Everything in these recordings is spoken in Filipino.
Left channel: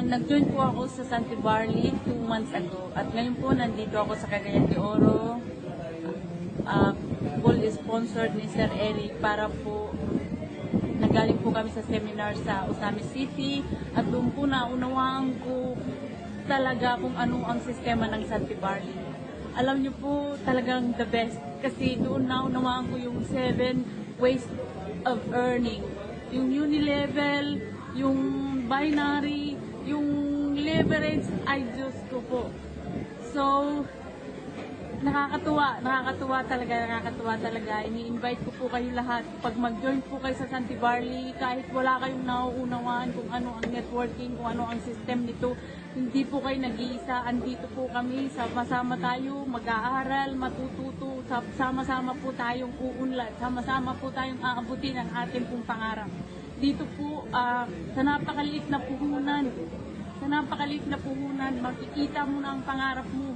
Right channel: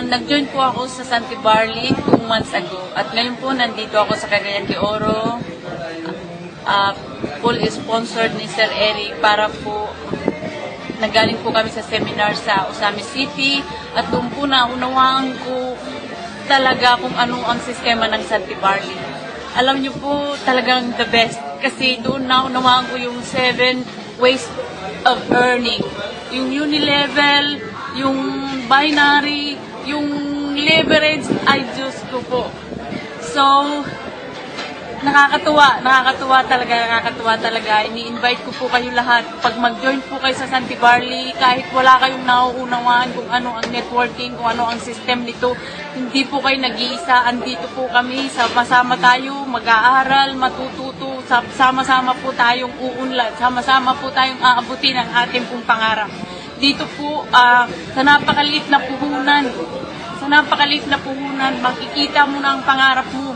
Nag-join po ako sa Santi Barley 2 months ago. At ngayon po, nandito ako sa Cagayan de Oro. Full sponsored ni Sir Eric para po nagaling po kami sa seminar sa Osamis City. At doon po naunawaan ko talaga kung ano ang sistema ng Santi Barley. Alam niyo po, talagang the best. Kasi doon naunawaan ko yung 7 ways of earning. Yung unilevel, yung binary, yung leverage, ay Diyos ko po. So, nakakatuwa talaga. Ini-invite ko po kayo lahat. Pag mag-join po kayo sa Santi Barley, kahit wala kayong nauunawaan kung ano ang networking, kung ano ang system nito, hindi po kayo nag-iisa. Andito po kami, sama-sama tayo, mag-aaral, matututo, sama-sama po tayong uunlad, sama-sama po tayong aabutin ang ating pong pangarap. Dito po, sa napakaliit na puhunan, makikita mo na ang pangarap mo.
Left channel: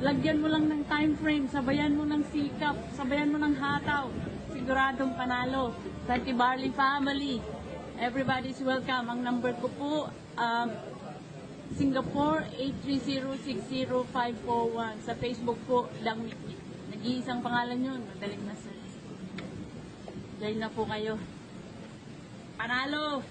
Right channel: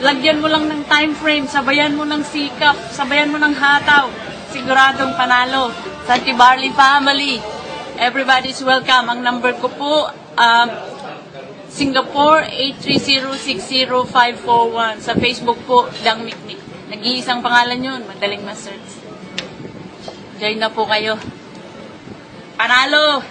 Lagyan mo lang ng time frame, sabayan mo ng sikap, sabayan mo ng hataw. Siguradong panalo. Santi Barley family, everybody's welcome. Ang number ko po, Singapore 830-60541. Sa Facebook po, Dang Miknik. Nag-iisang pangalan yun, madaling ma-search. Join na po kayo. Panalo!